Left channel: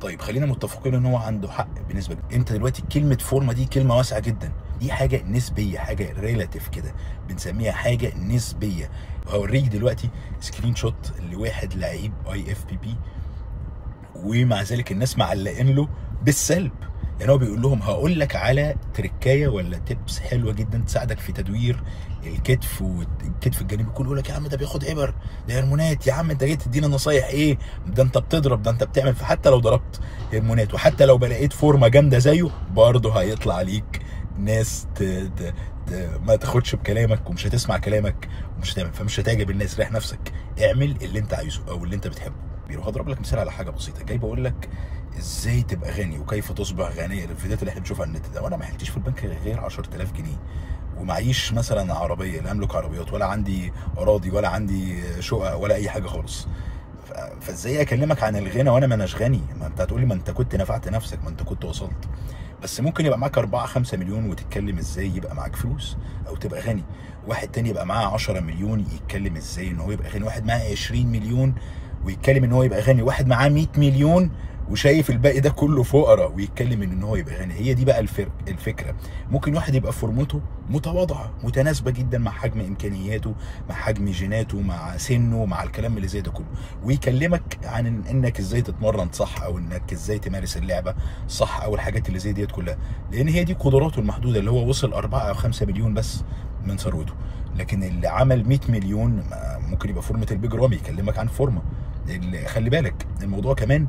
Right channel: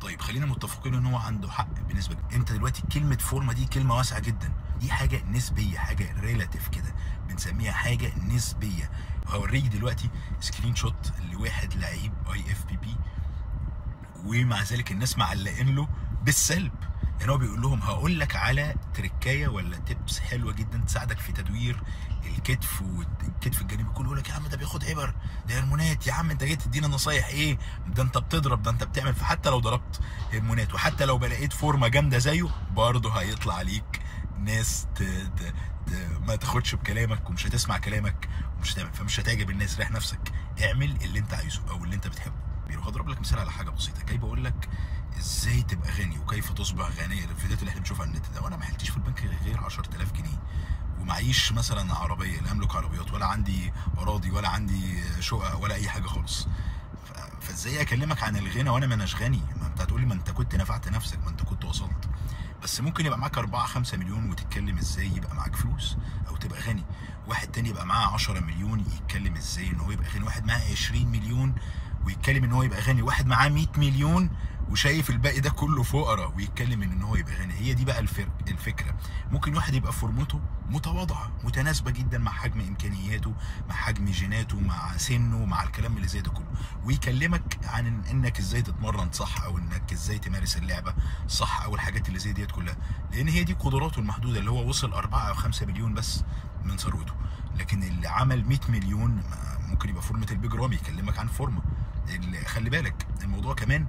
طيب خلينا متفقين ان هو عنده حق بنسبه كبيره. انت دلوقتي كلمه فورمه دي كلمه واسعه جدا، دي حاجه نسبيه، حاجه ريلاتيف كده، بنسميها حاجه نسبيه. هوريك دلوقتي سكرين شوت لواحد لعيب IFBB، ومع ذلك الناس معلقين له بالسلب. يعني هو بيقول لهم هقول لك على تركايه ولا تبس حلوه جدا تساعدك في تدوير الكتف والكتف الجانبي. كله يقول لك يا عم ده بياخد ابر، ده هرمونات، يا عم انت جاي تدينا نصايح ايه؟ ده انت بتضرب، ده انت بتعمل. فحتى لو ضربت هرمونات وحتى لو لقيت فورمه جامده زيه، برضه هيطلع عليك ناس ما تاخدش بكلامك ومش هتسمع كلامك ومش هتعمل، فمش هتعجب الناس. ريح نفسك، اعمل اللي انت عايزه او اللي انت بتحبه. بيروح اضرب لك مثال على حاجه بسيطه، جاي بقول لك ازاي تبقى غني وكيف تصبح غنيا، الفيديوهات اللي احنا بنشوفها على النت ده. وانا ما حلتش في البنك غير 10000 جنيه ومعيش مثلا عربيه، لا املك عربيات ولا عندي اراضي ولا عندي شقق ولا اي حاجه خالص. فازاي اكلمك عن الغنى وانا ما اناش غني؟ ما انت هتقولي ما انت كنت نفعت نفسك، ما انت كنت وصلت. بس ممكن يبقى معاك 4-5 مليون وتتكلم ازاي يبقى معاك فلوس او تبقى غني. واحد تاني يبقى معاه 10 مليون يتكلم ازاي ان هو يبقى غني. واحد معاه 20 مليون ويتكلم ان هو يبقى غني. واحد معاه 100 مليون وشايف الباقي ده كله فقراء ويتكلم ان هو يبقى غني. هي دي بقى الفكره. ممكن واحد يبقى فورمته متواضعه متناسبه جدا مع حجم امكانياته، مع حجم جيناته، مع سنه، مع الكلام اللي زي ده كله، ويكلمك عن انك ازاي تتمرن صح او انك ازاي تمارس اللعبه صح او الحاجات اللي زي ديت كلها، لان هي دي قدراته المحدوده. اللي هو وصل 4 أو 5 مليون بس من ثروته، لكن اللي عمل 100 مليون ممكن يبقى فورمه البيج رامي يكلمك عن فورمه. خلي بالك الموضوع كمان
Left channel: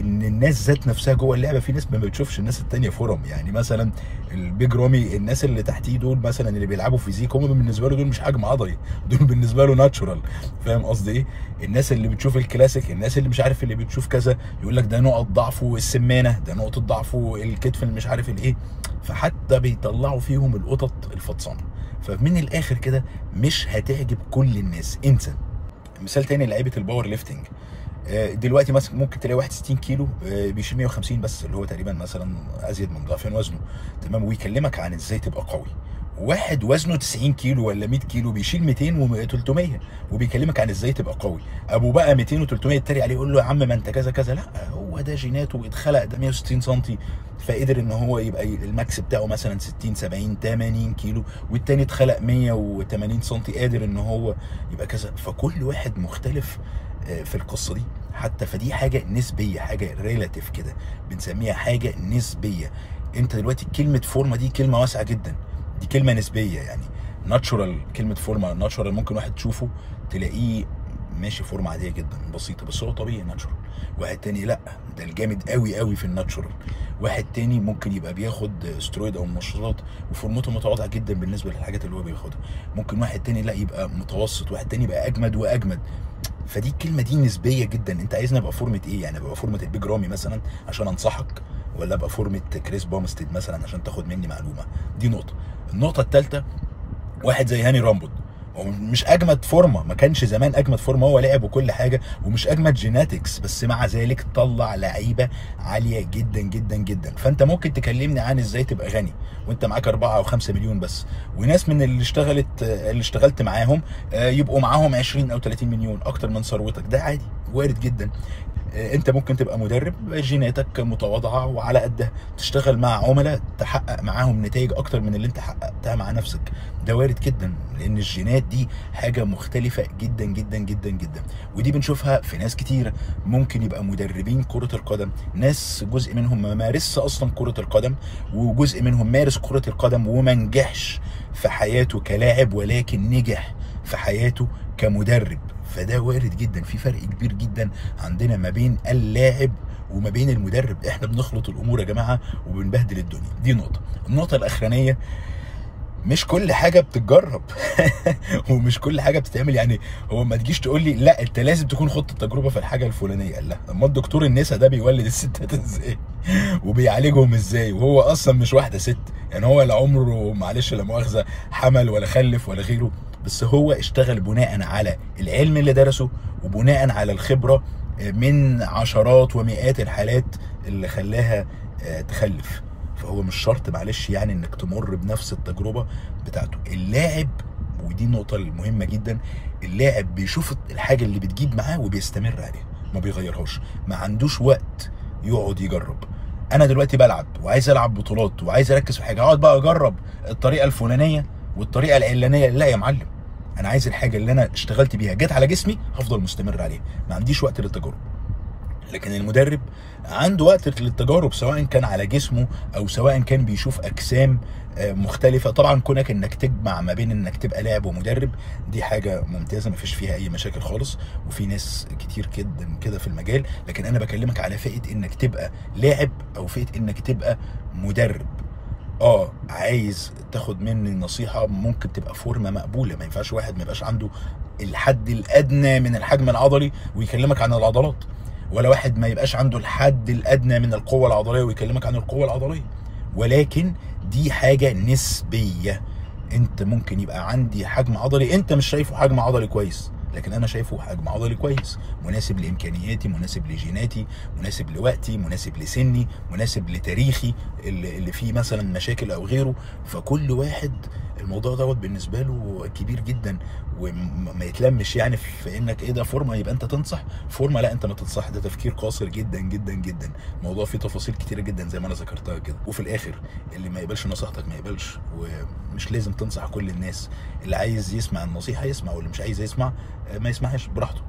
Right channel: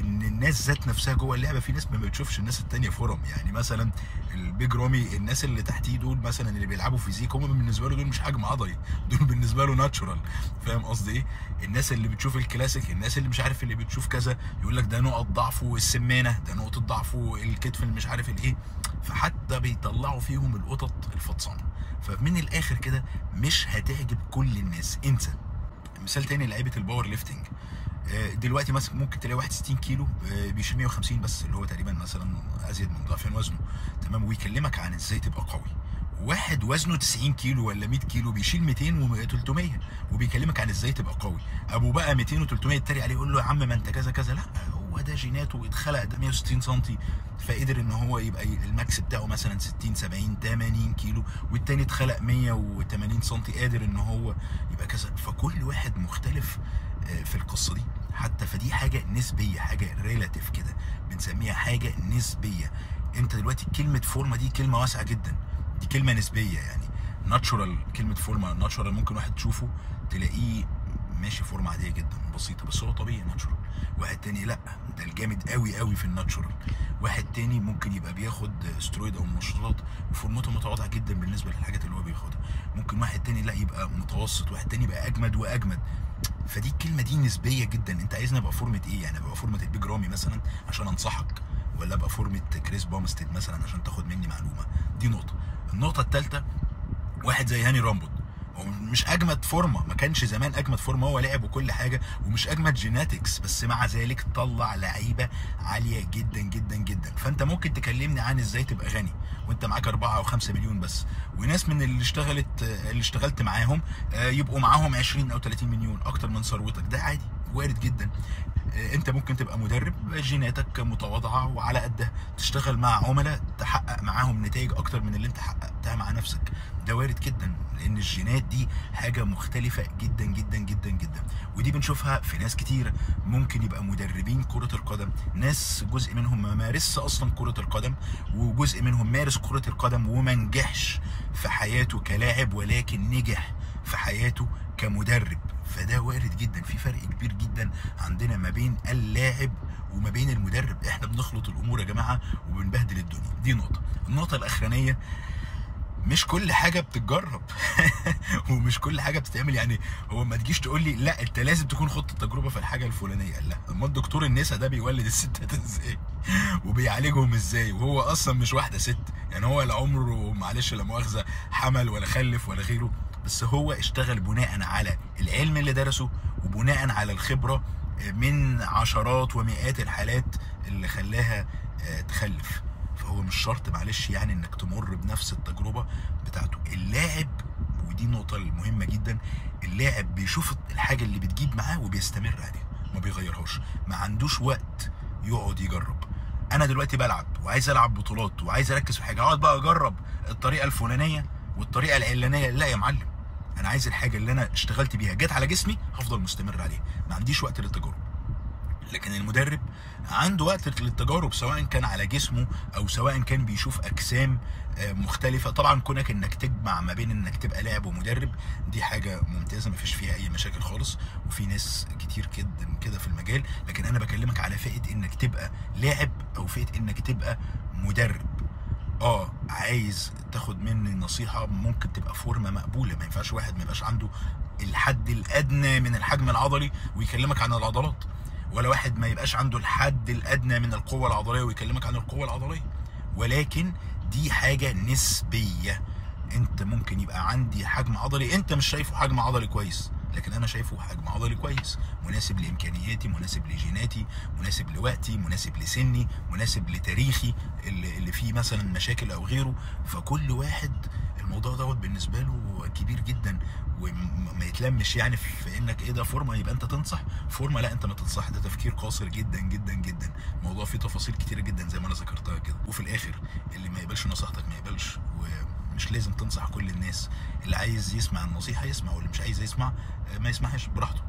ان الناس ذات نفسها جوه اللعبه، في ناس ما بتشوفش الناس الثانيه فورم. يعني مثلا البيج رامي، الناس اللي تحتيه دول مثلا اللي بيلعبوا فيزيك، هم بالنسبه له دول مش حجم عضلي، دول بالنسبه له ناتشورال. فاهم قصدي ايه؟ الناس اللي بتشوف الكلاسيك، الناس اللي مش عارف اللي بتشوف كذا، يقول لك ده نقط ضعفه السمانه، ده نقطه ضعفه الكتف اللي مش عارف الايه. فحتى بيطلعوا فيهم القطط الفطسانه. فمن الاخر كده مش هتعجب كل الناس، انسى. مثال تاني لعيبه الباور ليفتنج. دلوقتي مثلا ممكن تلاقي واحد 60 كيلو بيشيل 150 بس، اللي هو تقريبا مثلا ازيد من ضعفين وزنه، تمام، ويكلمك عن ازاي تبقى قوي. واحد وزنه 90 كيلو ولا 100 كيلو بيشيل 200 و300 وبيكلمك عن ازاي تبقى قوي. ابو بقى 200 و300 يتريق عليه يقول له يا عم ما انت كذا كذا. لا، هو ده جيناته، اتخلق ده 160 سم، فقدر ان هو يبقى الماكس بتاعه مثلا 60 70 80 كيلو، والتاني اتخلق 180 سم قادر ان هو يبقى كذا. فكل واحد مختلف في القصه دي حتى. فدي حاجه نسبيه، حاجه ريلاتيف كده، بنسميها حاجه نسبيه. انت دلوقتي كلمه فورمه دي كلمه واسعه جدا، دي كلمه نسبيه. يعني ناتشورال، كلمه فورمه ناتشورال ممكن واحد تشوفه تلاقيه ماشي فورمه عاديه جدا بسيطه بس هو طبيعي ناتشورال. واحد تاني لا، ده الجامد قوي قوي في الناتشورال. واحد تاني ممكن يبقى بياخد استرويد او منشطات وفورمته متواضعه جدا بالنسبه للحاجات اللي هو بياخدها. ممكن واحد تاني لا يبقى متوسط، واحد تاني يبقى اجمد واجمد. فدي الكلمه دي نسبيه جدا. انت عايزني ابقى فورمه ايه؟ يعني ابقى فورمه البيج رامي مثلا عشان انصحك، ولا ابقى فورمه كريس بومستيد مثلا عشان تاخد مني معلومه؟ دي نقطه. النقطه الثالثه، واحد زي هاني رامبل، هو مش اجمد فورمه، ما كانش زمان اجمد فورمه، هو لعب وكل حاجه ومش اجمد جيناتكس، بس مع ذلك طلع لعيبه عاليه جدا جدا جدا. فانت ممكن تكلمني عن ازاي تبقى غني وانت معاك 4 أو 5 مليون بس، وناس من اللي اشتغلت معاهم يبقوا معاهم 20 أو 30 مليون اكتر من ثروتك. ده عادي، وارد جدا. انت ممكن تبقى مدرب جيناتك متواضعه وعلى قدها، تشتغل مع عملاء تحقق معاهم نتائج اكتر من اللي انت حققتها مع نفسك. ده وارد جدا، لان الجينات دي حاجه مختلفه جدا جدا جدا جدا. ودي بنشوفها في ناس كتيره. ممكن يبقى مدربين كره القدم، ناس جزء منهم ما مارسش اصلا كره القدم، وجزء منهم مارس كره القدم وما نجحش في حياته كلاعب، ولكن نجح في حياته كمدرب. فده وارد جدا. في فرق كبير جدا عندنا ما بين اللاعب وما بين المدرب. احنا بنخلط الامور يا جماعه وبنبهدل الدنيا. دي نقطه. النقطه الاخرانيه، مش كل حاجه بتتجرب ومش كل حاجه بتتعمل. يعني هو ما تجيش تقول لي لا انت لازم تكون خدت التجربه في الحاجه الفلانيه. لا، امال الدكتور النساء ده بيولد الستات ازاي وبيعالجهم ازاي وهو اصلا مش واحده ست؟ يعني هو لا عمره معلش لا مؤاخذه حمل ولا خلف ولا غيره، بس هو اشتغل بناء على العلم اللي درسه وبناء على الخبره من عشرات ومئات الحالات اللي خلاها تخلف. فهو مش شرط معلش يعني انك تمر بنفس التجربه بتاعته. اللاعب، ودي النقطه المهمه جدا، اللاعب بيشوف الحاجه اللي بتجيب معاه وبيستمر عليها، ما بيغيرهاش، ما عندوش وقت يقعد يجرب. انا دلوقتي بلعب وعايز العب بطولات وعايز اركز في حاجه، اقعد بقى اجرب الطريقه الفلانيه والطريقه العلانيه؟ لا يا معلم، انا عايز الحاجه اللي انا اشتغلت بيها جت على جسمي هفضل مستمر عليها، ما عنديش وقت للتجارب. لكن المدرب عنده وقت للتجارب، سواء كان على جسمه او سواء كان بيشوف اجسام مختلفه. طبعا كونك انك تجمع ما بين انك تبقى لاعب ومدرب دي حاجه ممتازه، ما فيش فيها اي مشاكل خالص، وفي ناس كتير جدا كده في المجال. لكن انا بكلمك على فئه انك تبقى لاعب او فئه انك تبقى مدرب. عايز تاخد مني نصيحه، ممكن تبقى فورمه مقبوله. ما ينفعش واحد ما يبقاش عنده الحد الادنى من الحجم العضلي ويكلمك عن العضلات، ولا واحد ما يبقاش عنده الحد الادنى من القوه العضليه ويكلمك عن القوه العضليه. ولكن دي حاجه نسبيه. انت ممكن يبقى عندي حجم عضلي انت مش شايفه حجم عضلي كويس، لكن انا شايفه حجم عضلي كويس، مناسب لامكانياتي، مناسب لجيناتي، مناسب لوقتي، مناسب لسني، مناسب لتاريخي اللي فيه مثلا مشاكل او غيره. فكل واحد الموضوع دوت بالنسبه له كبير جدا، وما يتلمش يعني في انك ايه ده فورمه يبقى انت تنصح فورمه. لا، انت ما تنصح، ده تفكير قاصر جدا جدا جدا. الموضوع فيه تفاصيل كتيره جدا زي ما انا ذكرتها كده. وفي الاخر اللي ما يقبلش نصيحتك ما يقبلش، ومش لازم تنصح كل الناس. اللي عايز يسمع النصيحه يسمع، واللي مش عايز يسمع ما يسمعهاش براحته.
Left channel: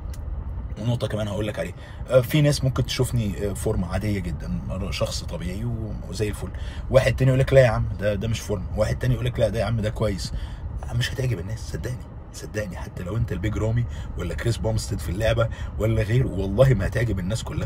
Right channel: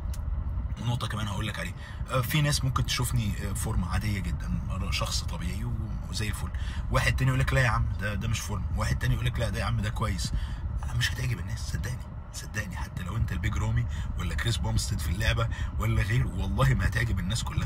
ونقطة كمان هقول لك عليها، في ناس ممكن تشوفني فورمة عادية جدا، شخص طبيعي وزي الفل، واحد تاني يقول لك لا يا عم ده مش فورمة، واحد تاني يقول لك لا ده يا عم ده كويس. مش هتعجب الناس، صدقني، حتى لو انت البيج رامي ولا كريس بومستد في اللعبة ولا غيره، والله ما هتعجب الناس كلها.